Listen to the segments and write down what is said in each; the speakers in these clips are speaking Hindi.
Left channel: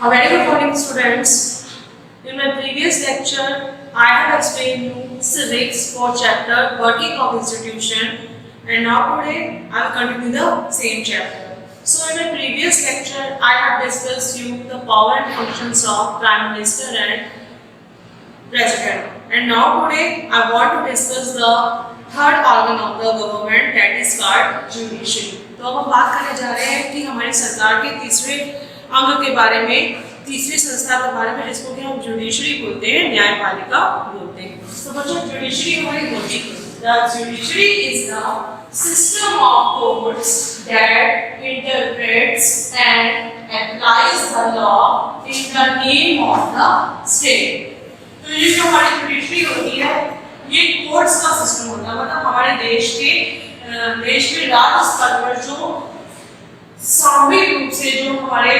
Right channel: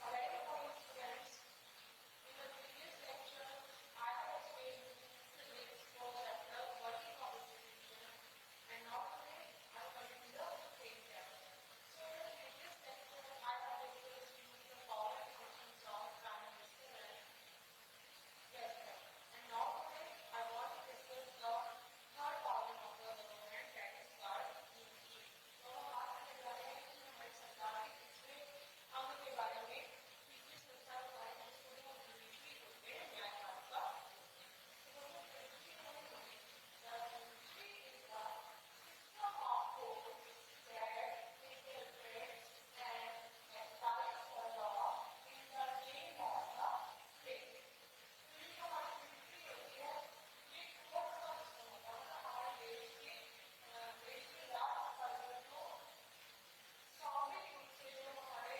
A very good morning, students. In my previous lecture, I have explained you civics for chapter working of institution, and now today I will continue the same chapter. So in my previous lecture, I have discussed you the power and functions of Prime Minister and President. And now today I want to discuss the third organ of the government, that is called judiciary. तो अब हम बात करने जा रहे हैं कि हमारी सरकार के तीसरे अंग के बारे में, तीसरी संस्था के बारे में, जिसको कि हम जुडिशरी बोलते हैं, न्यायपालिका बोलते हैं। तो बच्चों जुडिशरी हमारी होती है, the judiciary is the system of courts that interprets and applies the law in the name of the state. तो ये जो हमारी जुडिशरी होती है, ये कोर्ट्स का सिस्टम होता है, मतलब हमारे देश के राज्य स्तर पर जो सामूहिक रूप से जो हमारे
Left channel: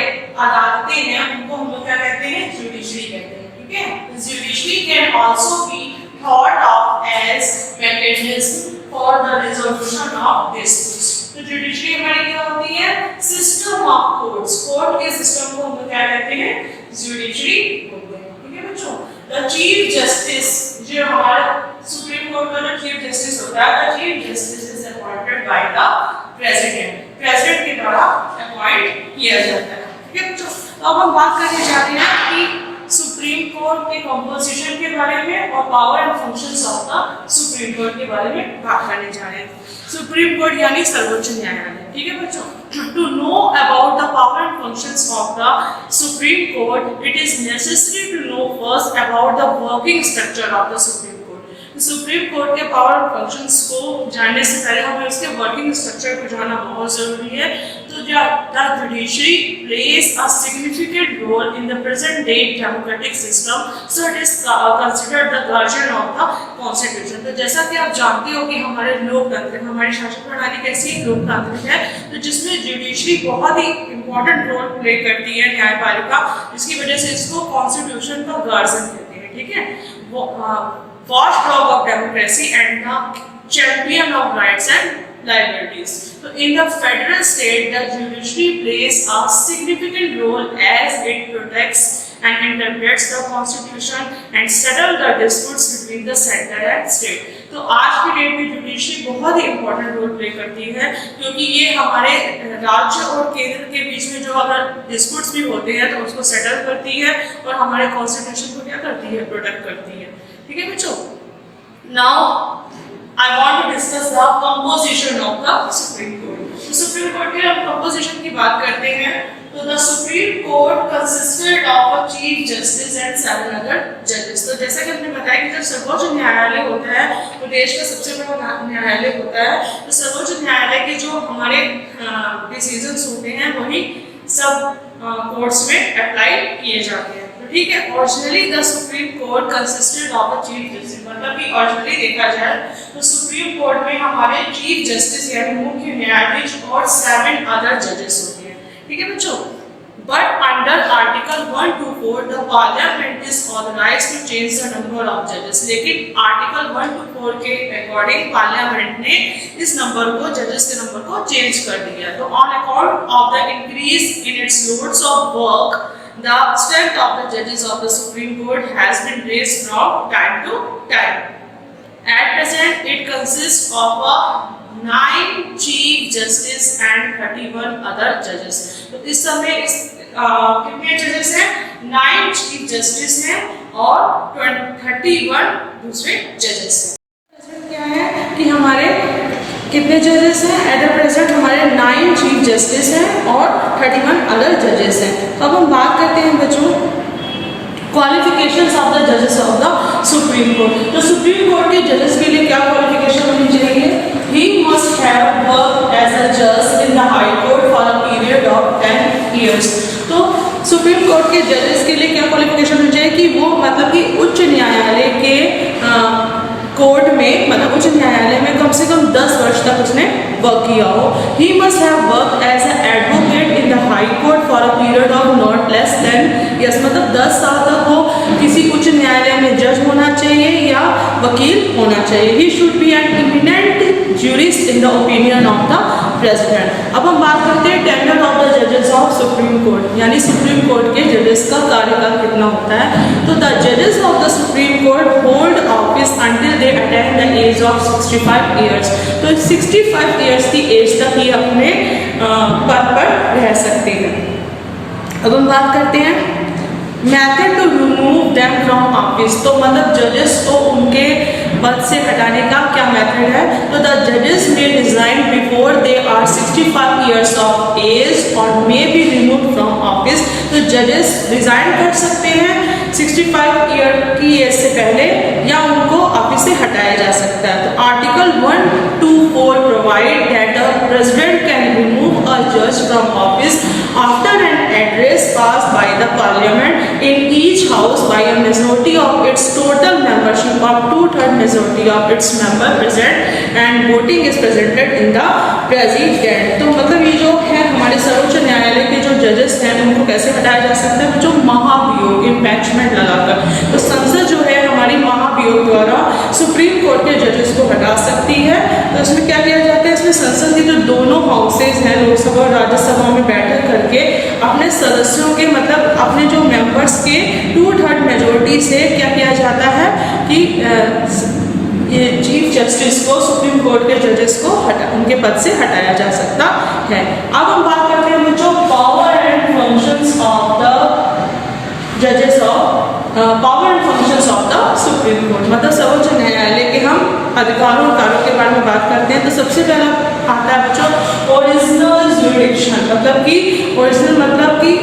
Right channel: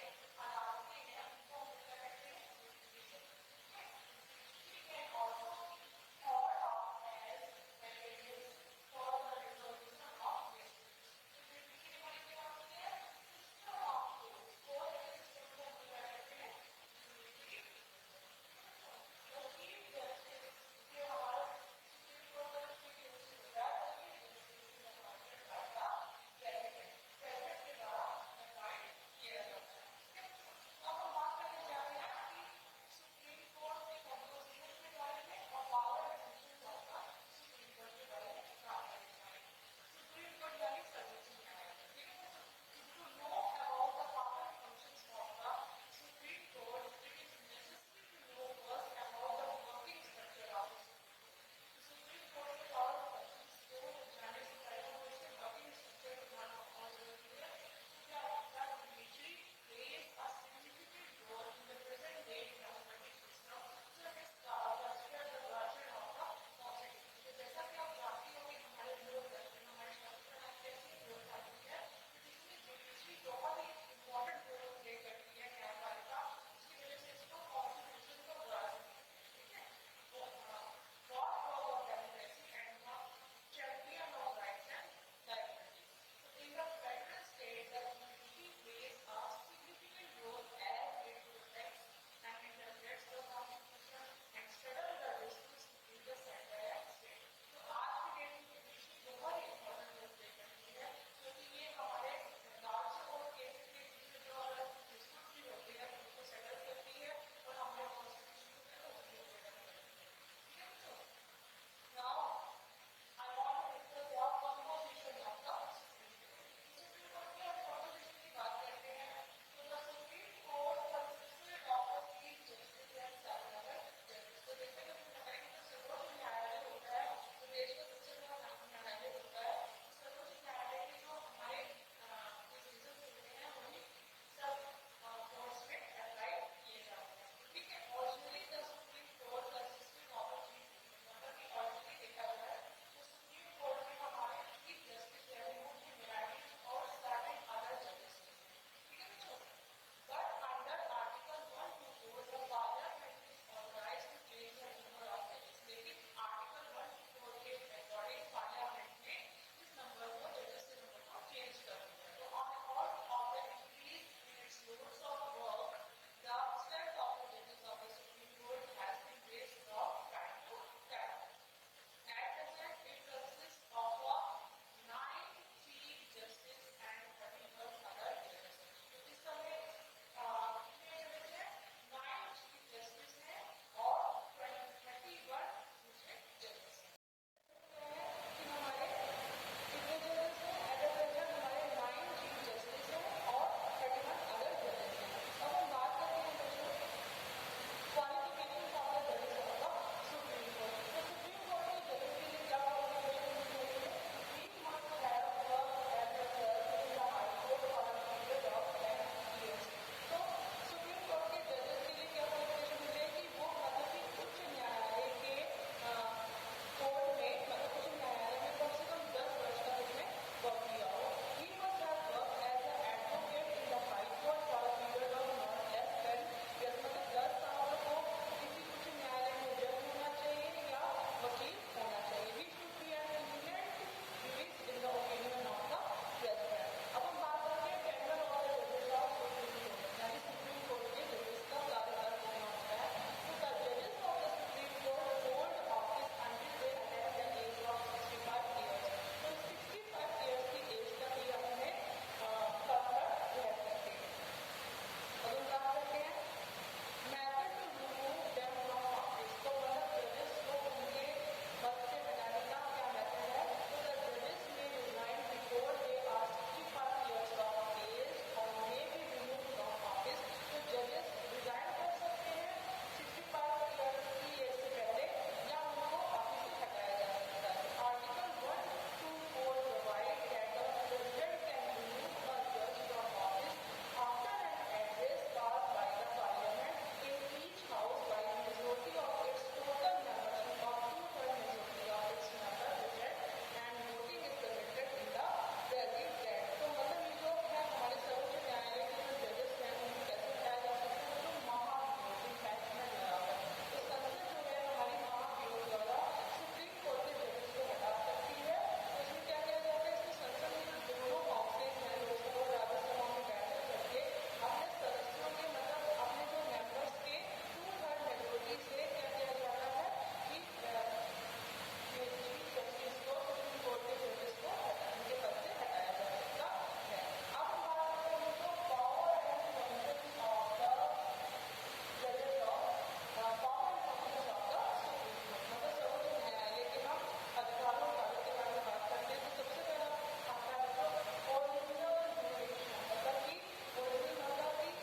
अदालतें हैं, उनको हम लोग क्या कहते हैं, जुडिशरी कहते हैं। ठीक है, judiciary can also be thought of as mechanism for the resolution of disputes. तो जुडिशरी हमारी क्या होती है, सिस्टम ऑफ कोर्ट्स। कोर्ट के सिस्टम को हम लोग क्या कहते हैं, जुडिशरी बोलते हैं। ठीक है बच्चों, द चीफ जस्टिस, जो हमारा सुप्रीम कोर्ट का जो चीफ जस्टिस होता है, the chief justice is appointed by the president, president के द्वारा अपॉइंट किया जाता है। ठीक है बच्चों, तो अब हम बात करने जा रहे हैं कि सुप्रीम कोर्ट के कंपोजिशन के बारे में और power and functions of the supreme court के बारे में बात करने जा रहे हैं। सुप्रीम कोर्ट यानी सर्वोच्च न्यायालय। ठीक है बच्चों, to know about the power and functions of the Supreme Court, it is necessary to know first about the working structure of the Supreme Court. Supreme court के पावर और फंक्शंस को जानने से पहले हमें उसके वर्किंग स्ट्रक्चर को जानना बहुत जरूरी है। तो the judiciary plays a significant role in the present day democratic system, so it is considered the guardian of the constitution. तो जैसा कि आप जानते हो कि हमारे लोकतंत्र, हमारी शासन प्रणाली कैसी लोकतांत्रिक है, तो जिसमें जुडिशरी बहुत ही इंपॉर्टेंट रोल प्ले करती है, न्यायपालिका, जिसकी वजह से इसको कॉन्स्टिट्यूशन का गार्जियन कहते हैं। ठीक है, वो watchdog of democracy and the champion of rights and liabilities. So in the federal state, the judiciary plays a significant role as it protects and interprets the constitution and settle the disputes between the center and state. तो आज की डेट में जुडिशरी बहुत ही इंपॉर्टेंट रोल प्ले करती है, क्योंकि ये हमारे राज्य और केंद्र के बीच में जो अगर डिस्प्यूट्स भी होते हैं तो उसको सेटल करती है और हमारे कॉन्स्टिट्यूशन को क्या करती है, प्रोटेक्ट करती है। ठीक है बच्चों, now I want to discuss the composition of the supreme court. तो सुप्रीम कोर्ट के हम कंपोजिशन की बात करते हैं, तो the supreme court consisted of a chief justice and 7 other जजेस। तो जैसा कि हमने बताया कि जब सर्वोच्च न्यायालय होता है, तो देश का सबसे बड़ा न्यायालय होता है, तो सर्वोच्च न्यायालय के जो हमारे डिसीजंस होते हैं वही सब कोर्ट्स में अप्लाई किए जाते हैं। ठीक है, originally the supreme court consisted of a chief justice, मतलब कि ओरिजिनली देखा जाए तो सुप्रीम कोर्ट में हमारे चीफ जस्टिस यानी मुख्य न्यायाधीश और 7 अदर जजेस होते हैं। ठीक है बच्चों, but under article 124 the parliament is authorised to change the number of जजेस। लेकिन आर्टिकल 124 के अकॉर्डिंग पार्लियामेंट ने इस नंबर को, जजेस के नंबर को चेंज कर दिया। तो on account of the increase in its loads of work, the strength of the judges of the Supreme Court has been raised from time to time. At present, it consists of 9 chief justice and 31 other judges. तो इस समय कितने जजेस हैं, 9 चीफ जस्टिस हैं और 31 दूसरे जजेस हैं। क्या है कि हमारे कितने जजेस हैं, एट द प्रेजेंट हमारे 9 चीफ जस्टिस हैं और 31 अदर जजेस हैं। अब हम बात करते हैं बच्चों क्वालिफिकेशंस ऑफ द जजेस ऑफ द सुप्रीम कोर्ट। तो सुप्रीम कोर्ट के जजेस के लिए क्या क्वालिफिकेशन होनी चाहिए, he must have work as a जज in the high court for a period of 10 years। तो सुप्रीम कोर्ट के जजेस के लिए क्या क्वालिफिकेशन होनी चाहिए कि वो मतलब कि उच्च न्यायालय के कोर्ट में, मतलब उच्च न्यायालय में कम से कम 10 वर्ष तक उसने वर्क किया हो। He must have work as an advocate in the high court for a period of not less than yes, मतलब 10 साल तक वो किसी उच्च न्यायालय में जज होना चाहिए या वकील होना चाहिए। He should be an eminent jurist in the opinion of the president. अब हम बात करते हैं टेन्योर ऑफ द जजेस ऑफ सुप्रीम कोर्ट, यानी सुप्रीम कोर्ट के जजेस का कार्यकाल कितना होता है। तो द जजेस of the supreme court hold office until they attain the age of 65 years. तो 65 ईयर्स की एज तक ये अपने पद पर रह सकते हैं। अब हम बात करते हैं method to remove them from office. तो मतलब जजेस को उनके पद से हटाने का क्या मेथड है। तो द जजेस may resign before they are 65 years of age और may be remove from office. तो जजेस रिजाइन कर सकते हैं 65 ईयर की एज से पहले, या उनको ऑफिस से हटाया जा सकता है। तो article 124 provide that the president can remove a जज from office after an address pass by the parliament in each house by a majority of its total membership of 2/3 majority of its member present and voting is presented in the president। तो मतलब ये जो है हमारे सर्वोच्च न्यायालय के जो जजेस हैं उनको कैसे हटाया जा सकता है, जो महाभियोग इम्पैचमेंट लगाकर। तो संसद जो है हमारी महाभियोग द्वारा सुप्रीम कोर्ट के जजेस को हटा सकती है। तो इसमें क्या किया जाता है, इसमें संसद की जो दोनों हाउसेज हैं लोकसभा और राज्यसभा में बैठक करके अपने सदस्यों के मतलब अपने जो मेंबर्स के 2/3 मेजोरिटी से क्या किया जाता है कि ये चीफ जस्टिस को सुप्रीम कोर्ट के जजेस को उनके पद से हटाया जा सकता है। अब हम बात करते हैं बच्चों power and functions of the जजेस of power and functions of the supreme court. मतलब सर्वोच्च न्यायालय के हम अधिकारों और कार्यों के बारे में बात करते हैं। तो सबसे पहला आता है बच्चों ओरिजिनल ज्यूरिडिक्शन। मतलब कि ओरिजिनल मतलब कि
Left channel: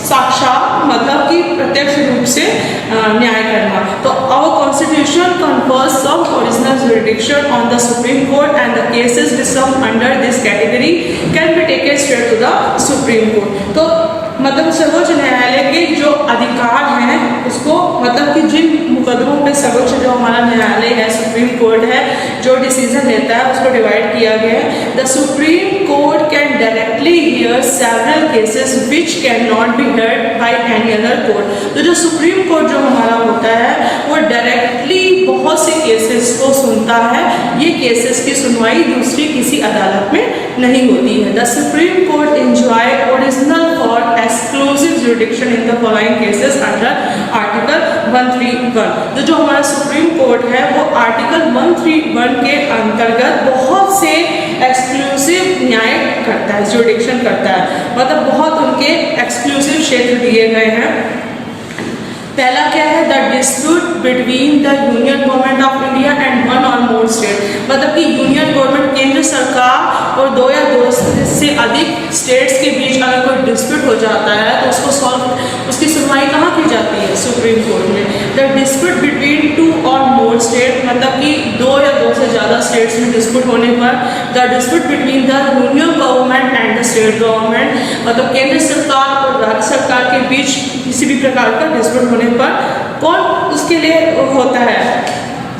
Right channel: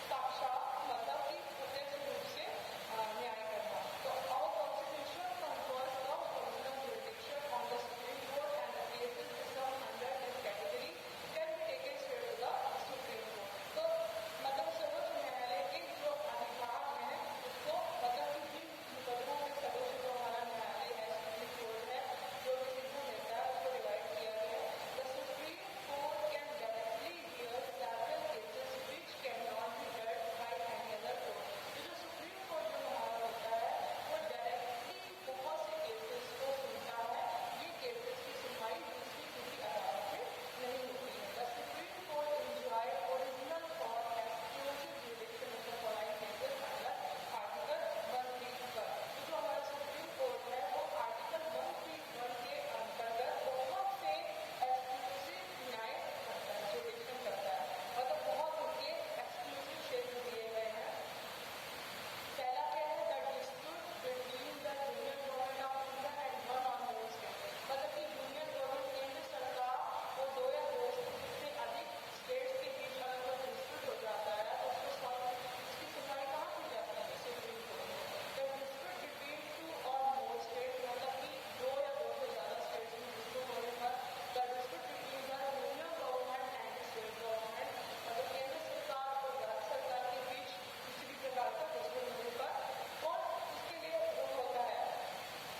साक्षात मतलब कि प्रत्यक्ष रूप से न्याय करना। तो our constitution confers some original jurisdiction on the supreme court and the cases which come under this category can be taken straight to the supreme court. तो मतलब सर्वोच्च न्यायालय के जो अधिकार हैं उसको मतलब कि जिन मुकदमों पे सर्वोच्च जो हमारा न्यायालय है सुप्रीम कोर्ट है जो डिसीजन लेता है उसको डिवाइड किया गया है। The supreme court can directly here several cases which can not be heard by any other court. तो जो सुप्रीम कोर्ट जो हमारा होता है वो डायरेक्टली बहुत से केसेस को सुनता है। ये केसेस की सुनवाई दूसरी किसी अदालत में नहीं होती है। The supreme court enjoy original for exclusive jurisdiction in the following cases under article 131। तो जो हमारा सुप्रीम कोर्ट है वो आर्टिकल 131 के अंतर्गत बहुत से एक्सक्लूसिव न्याय करता है, ज्यूरिडिक्शन करता है। मतलब बहुत उनके एक्सक्लूसिव क्षेत्र दिए गए हैं। पहला क्या है, the dispute between the union government of India and one और मोर स्टेट। मतलब कि यूनियन गवर्नमेंट केंद्र सरकार और दो या दो से अधिक स्टेट्स के बीच अगर कोई डिस्प्यूट हो जाता है तो उसको सॉल्व उसकी सुनवाई कहाँ की जाती है, सुप्रीम कोर्ट में। द डिस्प्यूट बिटवीन 2 और मोर स्टेट मतलब कि 2 या 2 से ज़्यादा स्टेट्स में डिस्प्यूट होने पर the dispute between the union government and the state government मतलब केंद्र सरकार और राज्य सरकार के बीच किसी भी प्रकार का डिस्प्यूट होने पर कौन उसके लिए होता है,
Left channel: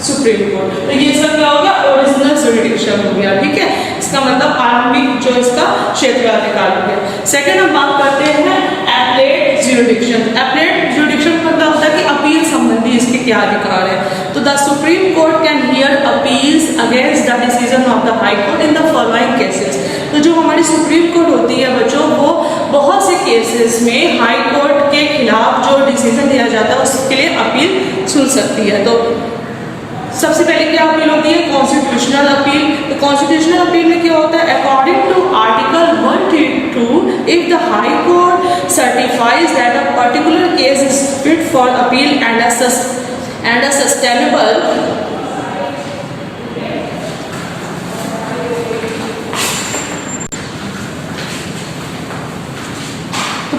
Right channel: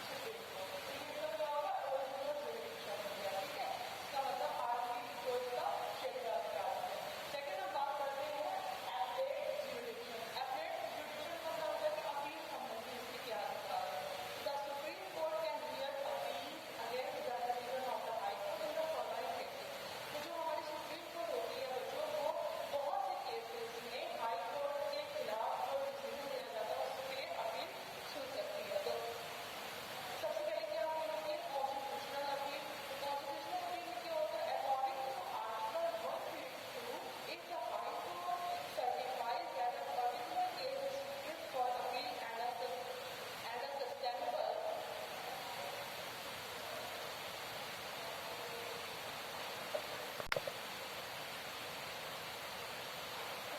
सुप्रीम कोर्ट। तो ये सब क्या हो गया, ओरिजिनल ज्यूरिडिक्शन हो गया। ठीक है, इसका मतलब आरंभिक जो इसका क्षेत्राधिकार हो गया। सेकंड हम बात करते हैं एपलेट ज्यूरिडिक्शन। एपलेट ज्यूरिडिक्शन का मतलब होता है कि अपील संबंधी इसके क्या अधिकार है। तो the supreme court can hear appeals against the decision of the high court in the following cases. तो जो हमारी सुप्रीम कोर्ट होती है बच्चों वो बहुत से केसेस में हाई कोर्ट के खिलाफ जो डिसीजन दिया जाता है उसके लिए अपील सुन सकती है। तो सबसे पहले क्या अपील होती है, कॉन्स्टिट्यूशनल अपील। तो कॉन्स्टिट्यूशनल अपील में क्या होता है, according to article 132 if the high court certifies that a particular case is fit for appeal and a sustainable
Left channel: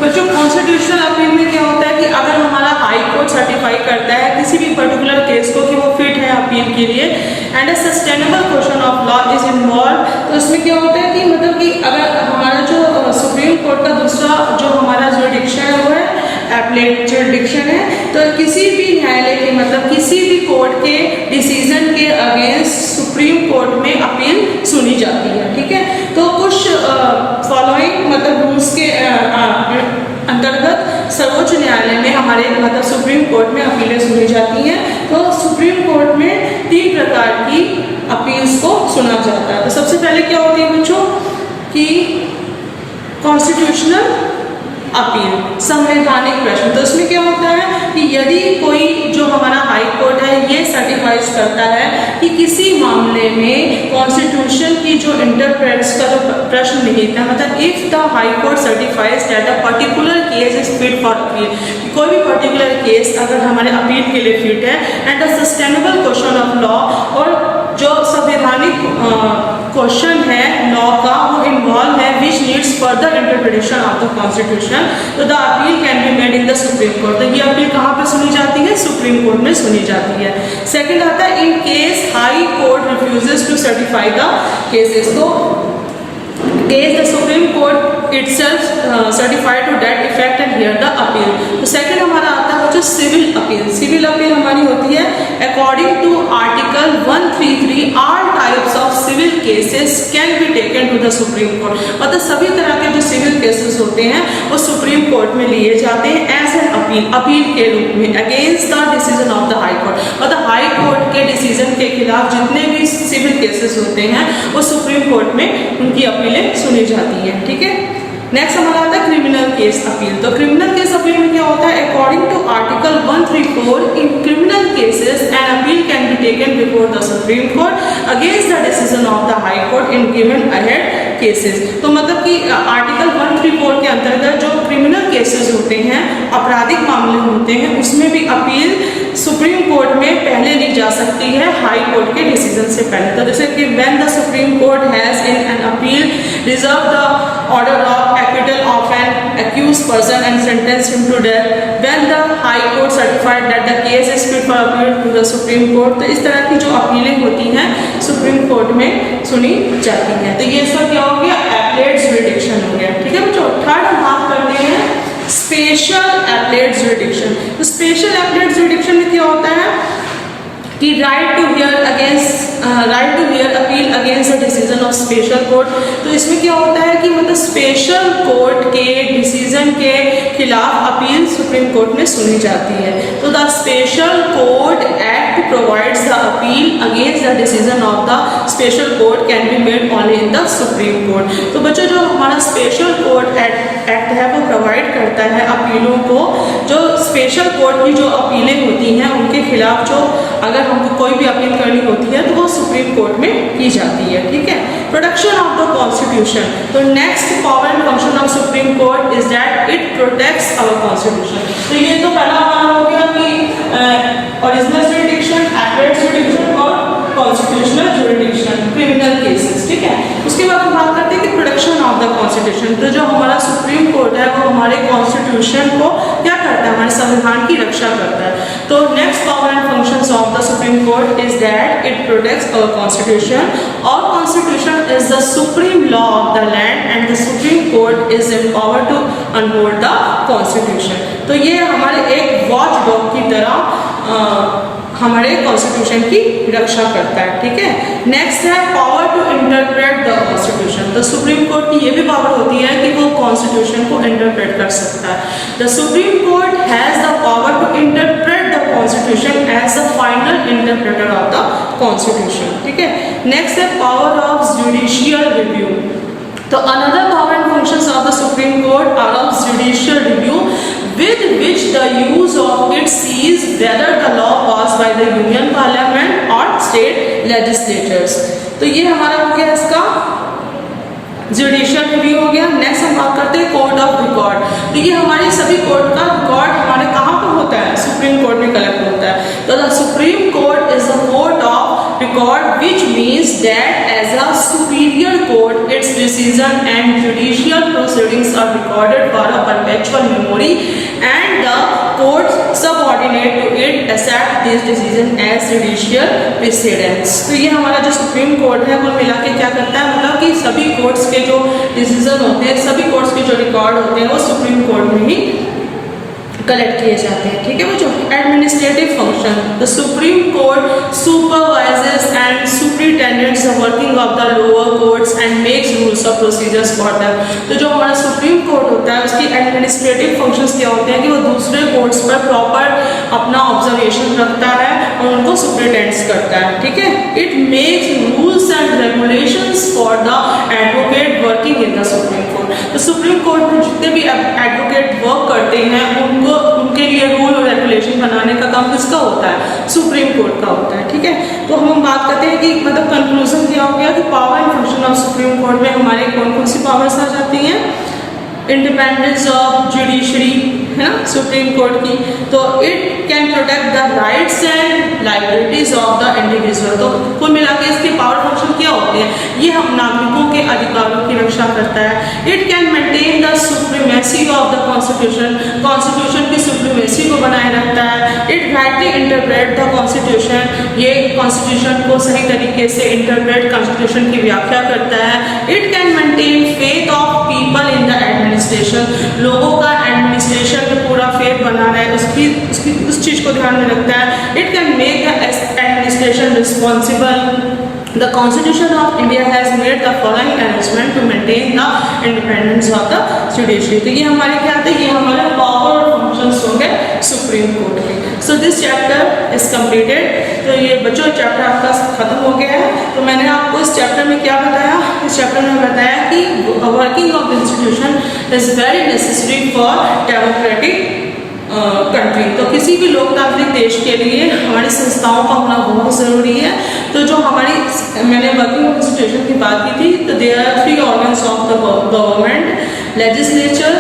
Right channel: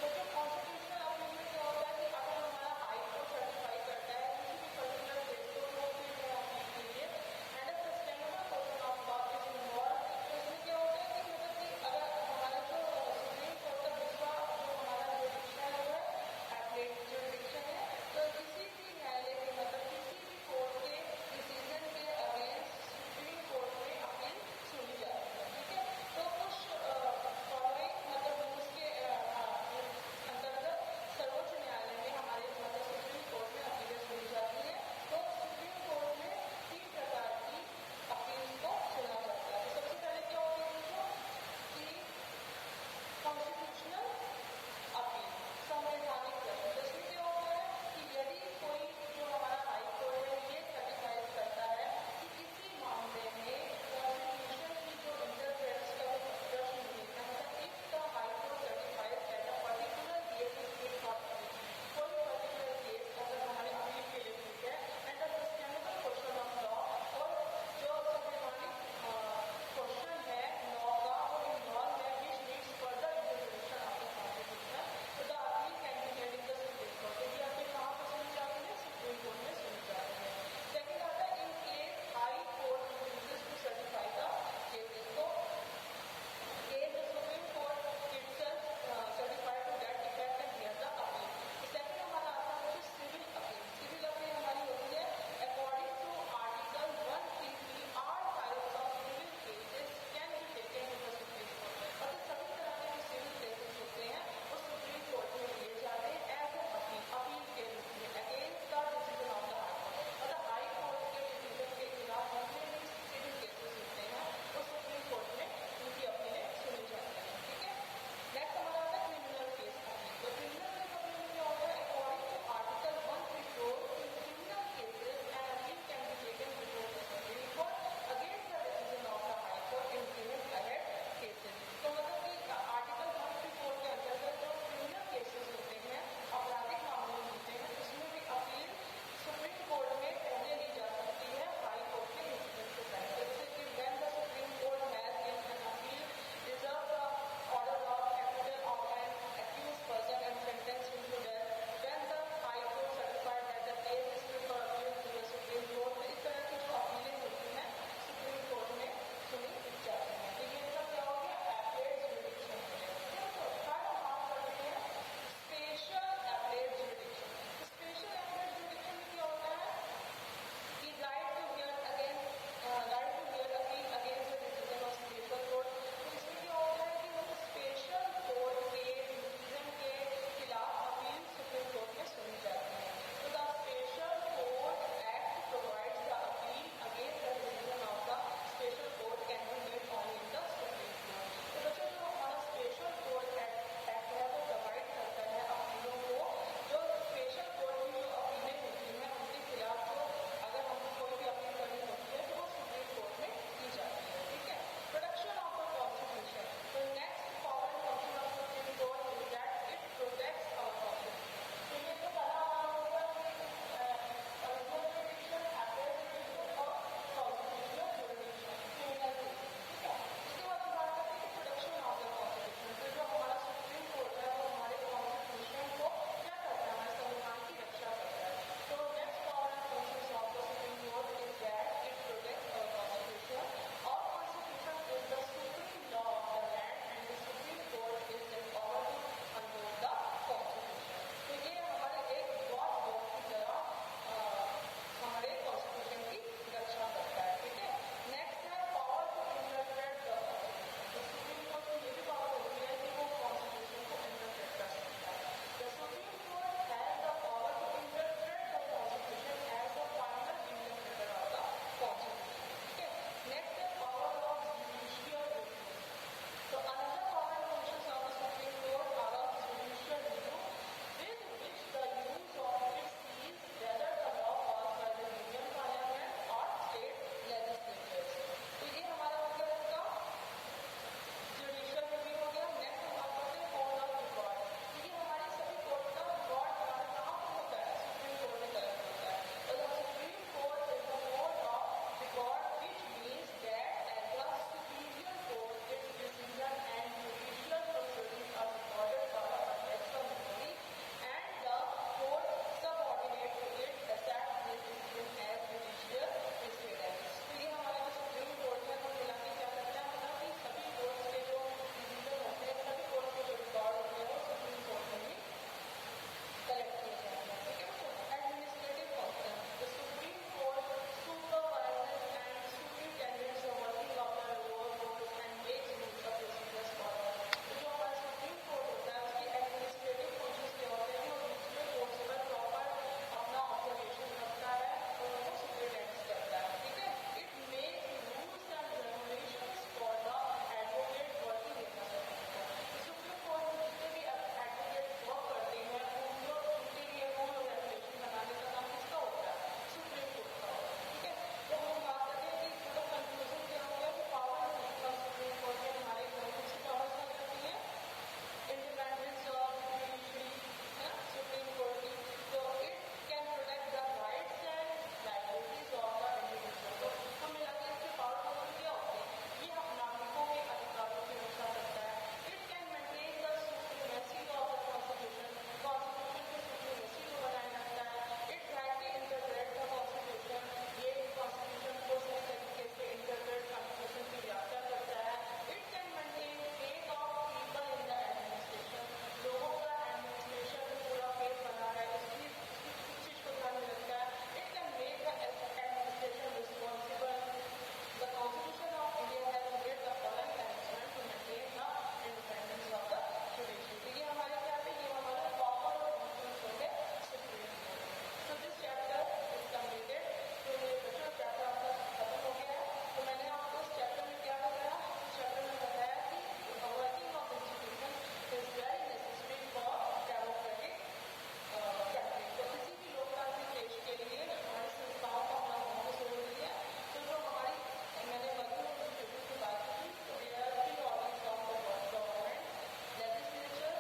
बच्चों कॉन्स्टिट्यूशनल अपील में क्या होता है कि अगर हमारा हाई कोर्ट सर्टिफाई करता है किसी भी पर्टिकुलर केस को कि वो फिट है अपील के लिए and a sustainable question of law is involve, तो इसमें क्या होता है कि मतलब कि अगर हमारा जो सुप्रीम कोर्ट का दूसरा जो हमारा ज्यूरिडिक्शन है वो है एपलेट ज्यूरिडिक्शन है। तो किसी भी न्यायालय के मतलब किसी भी कोर्ट के डिसीजन के अगेंस्ट सुप्रीम कोर्ट में अपील सुनी जाती है। ठीक है, तो कुछ फॉलोइंग मतलब रूल्स के अंतर्गत सर्वोच्च न्यायालय में हमारे मतलब सुप्रीम कोर्ट में अपीलें सुनी जाती हैं। तो सुप्रीम कोर्ट में 3 प्रकार की अपील्स को सुना जाता है। तो सबसे पहले क्या होती है बच्चों कि कॉन्स्टिट्यूशनल अपील, संवैधानिक प्रश्न। तो इसमें क्या होता है कि यदि कोई जो हमारा हाई कोर्ट है ये सर्टिफाइज करता है कि किसी मामले में कॉन्स्टिट्यूशन की जो इंटरप्रेट्स का जो प्रश्न निहित है, मतलब if the high court certifies that a particular case is fit for appeal, कोई भी पर्टिकुलर केस अगर हमारे अपील के लिए फिट है, and the sustainable question of law, और जो संवैधानिक क्वेश्चन है लॉ का वो इन्वॉल्व है which needs further interpretation of the constitution, तो the appeal can be made in the supreme court. तो ये अपील कहाँ पर सुनी जाती है? सुप्रीम कोर्ट में सुनी जाती है। सेकंड आता है in case high court refuses to certify the cases, तो case the supreme court itself certified to that effect and hear the appeal. तो सेकंड हमारा आता है जो सिविल अपील। सिविल अपील हमारी होती है according to article 133 all types of civil cases can be taken to the supreme court, मतलब सभी तरह के जो सिविल केसेस होते हैं वो सुप्रीम कोर्ट में लिए जाते हैं एज एन अपील, अपील के रूप में against the decision of the high court, मतलब हाई कोर्ट के डिसीजन के खिलाफ जितने भी सिविल केसेस होते हैं वो सुप्रीम कोर्ट में उनकी अपीलें सुनी जाती हैं। ठीक है, नेक्स्ट हमारा आता है क्रिमिनल केस अपील। तो क्रिमिनल केस अपील में क्या होता है? According to article 134 in criminal cases an appeal can be taken before the supreme court against the decision of the high court in given ahead cases. तो मतलब कि आर्टिकल 134 के अंतर्गत जो क्रिमिनल केसेस होते हैं, आपराधिक मामले होते हैं, उसमें भी अपील सुप्रीम कोर्ट में पहले ली जा सकती है हाई कोर्ट के डिसीजन से पहले। तो जैसे कि when the supreme Court has in an appeal reserve the order of acquittal of an accused person and sentenced him to death, when the high court certified that the case is fit for appeal to the supreme court। तो इस तरह की जो अपीलें होती हैं सुप्रीम कोर्ट में सुनी जाती हैं। तो ये सब क्या हो गया? एपलेट जुरिडिक्शन हो गया। ठीक है बच्चों, थर्ड हम बात करते हैं स्पेशल एपलेट जुरिडिक्शन। तो स्पेशल एपलेट जुरिडिक्शन में क्या होता है कि right to hear appeal against the decision of special court. तो इसमें क्या होता है कि मतलब स्पेशल कोर्ट के डिसीजन के खिलाफ अपील सुप्रीम कोर्ट में सुनी जाती है। तो the special court act provides the appeal against the decision of the special court can be made only in the supreme court. तो बच्चों जो हमारा स्पेशल कोर्ट एक्ट है वो प्रोवाइड करता है अपीलों को, जो स्पेशल कोर्ट की जो अपीलें होती हैं उनके खिलाफ जो अगर हमको कोई भी अपील करनी होती है तो वो सुप्रीम कोर्ट में की जाती है। ठीक है, प्रोटेक्शन ऑफ द कॉन्स्टिट्यूशन। तो next power and function of supreme court is that it protects our constitution. तो ये तो पहला हमारा हो गया कि ओरिजिनल जुरिडिक्शन, एपलेट जुरिडिक्शन और कॉन्स्टिट्यूशनल जुरिडिक्शन, क्रिमिनल केसेस। ठीक है, उसके बाद हम बात करते हैं कि प्रोटेक्शन ऑफ द कॉन्स्टिट्यूशन। तो जो हमारा सुप्रीम कोर्ट है वो हमारे कॉन्स्टिट्यूशन को क्या करता है? हमारे संविधान की रक्षा करता है। तो next power and functions of the supreme court is that it protects our constitution. और constitution is the supreme law of the land and the supreme court is empowered to uphold the constitution. तो ये हमारे एक वॉच डॉग की तरह हमारे कॉन्स्टिट्यूशन की रक्षा करता है। ठीक है, नेक्स्ट है power to interpret the constitution. तो सुप्रीम कोर्ट की ये भी पावर होती है कि वो कॉन्स्टिट्यूशन को इंटरप्रेट कर सकता है। The supreme Court has the power to interpret the constitution as the final interpreter of the constitution. ठीक है, नेक्स्ट है पावर ऑफ जुडिशियल रिव्यू। तो another power and functions of the supreme Court are of judicial review with which the use of it sees whether the law passed by the union parliament or state legislatures। तो ये हमारा हो गया इसका जुडिशियल रिव्यू हो गया। नेक्स्ट हम बात करते हैं कोर्ट ऑफ रिकॉर्ड। तो ये हमारे सभी कोर्ट का रिकॉर्ड हमारे कहाँ पर होता है? सुप्रीम कोर्ट में कलेक्ट होता है। तो the supreme court is the court of record which means that as a superior court its decision and judicial proceedings are recorded for a perpetual memory and the court subordinate to it accept this decision as judicial precedents. तो ये हमारा जो सुप्रीम कोर्ट है कुल मिला के क्या करता है, मतलब कि सभी कोर्ट्स के जो डिसीजन होते हैं, सभी कोर्ट्स के जो रिकॉर्ड होते हैं वो सुप्रीम कोर्ट में ही कलेक्ट किए जाते हैं। ठीक है बच्चों। Administrative function, the supreme court supervises and superintendents the working of the lower courts and makes rules of procedures for them. तो जो हमारा सुप्रीम कोर्ट होता है उसकी एडमिनिस्ट्रेटिव फंक्शंस क्या होते हैं कि वो दूसरे कोर्ट्स पर प्रॉपर अपना ऑब्जर्वेशन रखता है और उनको सुपरिटेंड्स करता है। ठीक है। It makes rules and regulations for the advocate working in the supreme court. तो सुप्रीम कोर्ट में जितने भी एडवोकेट वर्क करते हैं उनके लिए रूल और रेगुलेशन बनाने का काम किसका होता है? सुप्रीम कोर्ट का होता है। ठीक है। तो हम बात करते हैं कि मतलब कंक्लूजन क्या हो गया कि power and function of supreme court में हमारे कौन कौन सी पावर्स आ जाती हैं? इंडिपेंडेंस ऑफ जुडिशरी है ना सुप्रीम कोर्ट की। तो it can protect the rights and liabilities of the individual. तो कुल मिला के इसके पावर फंक्शन क्या होते हैं? ये हम नागरिकों के अधिकारों की रक्षा करता है। It can maintain the supremacy of the constitution, constitution की सुप्रीमेसी को बनाए रखता है। It rightly interpret the constitution, ये कॉन्स्टिट्यूशन को सही तरीके से इंटरप्रेट कॉन्स्टिट्यूशन की व्याख्या करता है। It can maintain faith of people in the administration, लोगों का एडमिनिस्ट्रेशन में पूरा फेथ बना रहा है उस चीज़ को ध्यान में रखता है। It can make the administration responsible. The Constitution of India has made the following arrangement to maintain the independence of the judiciary। तो ये हमारे क्या थे? ये हमारे पावर और फंक्शंस होंगे सुप्रीम कोर्ट के। So this chapter is completed. तो ये बच्चों चैप्टर आपका खत्म हो गया है। तो मैंने आपको इस चैप्टर में क्या बताया? इस चैप्टर में बताया कि working of institution is very necessary for democratic country. तो किसी भी लोकतांत्रिक देश के लिए हमारी संस्थाओं का होना बहुत ज़रूरी है। तो जो हमारी मैंने वर्किंग इंस्टीट्यूशन की बात की थी, तो there are 3 organs of the government, legislature,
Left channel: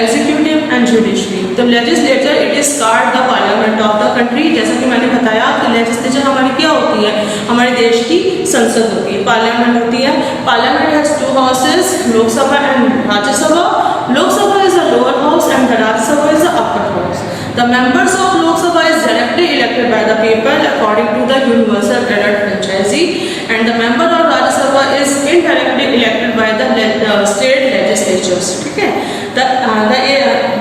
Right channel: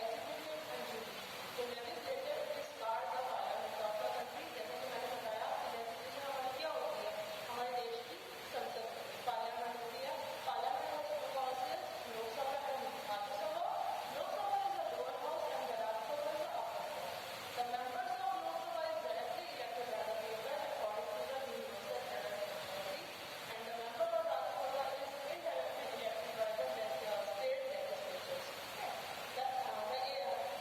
executive and judiciary. तो legislature it is called the parliament of the country. जैसा कि मैंने बताया कि लेजिस्लेचर हमारी क्या होती है? हमारे देश की संसद होती है, पार्लियामेंट होती है। Parliament has 2 houses, Lok Sabha and Rajya Sabha. Lok Sabha is the lower house and the Rajya Sabha is the upper house. The members of Lok Sabha is directly elected by the people according to the universal ballot franchise, and the member of Rajya Sabha is indirectly elected by the state legislatures. ठीक है।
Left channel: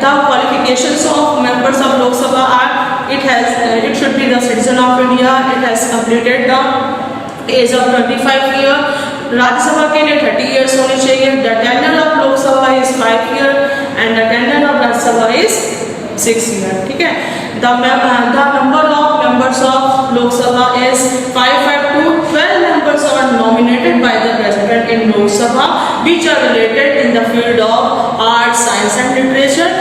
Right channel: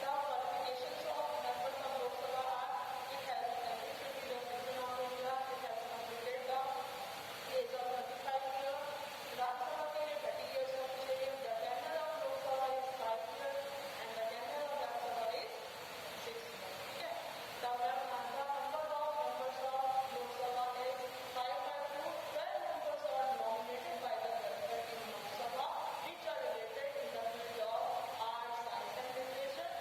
The qualifications of members of Lok Sabha are it should be the citizen of India, it has completed the age of 25 year। Rajya Sabha के लिए 30 years होने चाहिए। The tenure of Lok Sabha is 5 year and the tenure of Rajya Sabha is 6 year। ठीक है। The number of members of Lok Sabha is 5 to 12 members are nominated by the president in Lok Sabha which are related in the field of art, science and literature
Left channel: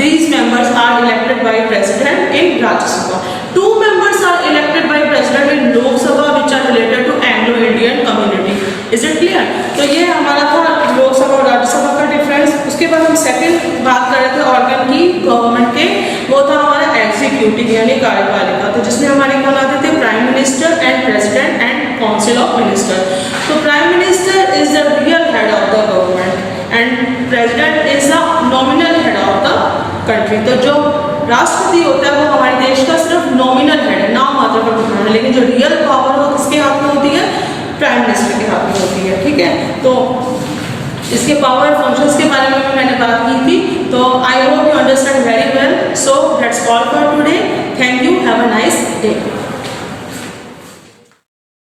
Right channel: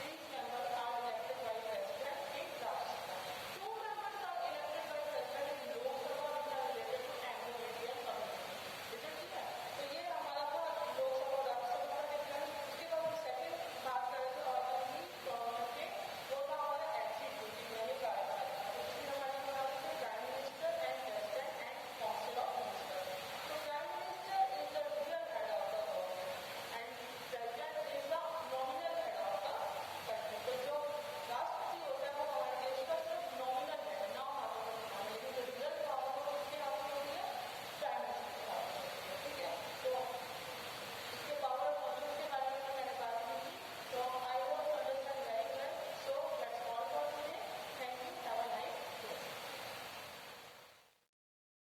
these members are elected by president in Rajya Sabha। 2 members are elected by president in Lok Sabha which are related to Anglo-Indian community। Is it clear? तो ये हमारा था लोकसभा और राज्यसभा का डिफरेंस। उसके बाद हम सेकंड बात कर रहे थे ऑर्गन की गवर्नमेंट के, वो था हमारा एग्जीक्यूटिव यानी कार्यपालिका। तो जिसमें हमारे कौन आते थे? Prime minister and president and council of minister. तो prime minister is the real head of the government and president is the nominal head of the country. तो जो राष्ट्रपति होता है वो हमारे देश का सिर्फ नॉमिनल हेड है, नाम मात्र पर घोषणा है, लेकिन जो रियल पावर है वो किसके हाथ में होती है? प्राइम मिनिस्टर के हाथ में होती है। ठीक है। तो इसके पावर फंक्शंस के बारे में भी मैंने बात की थी। तो I hope you understand very well. So that's all for today. Thank you. Have a nice day.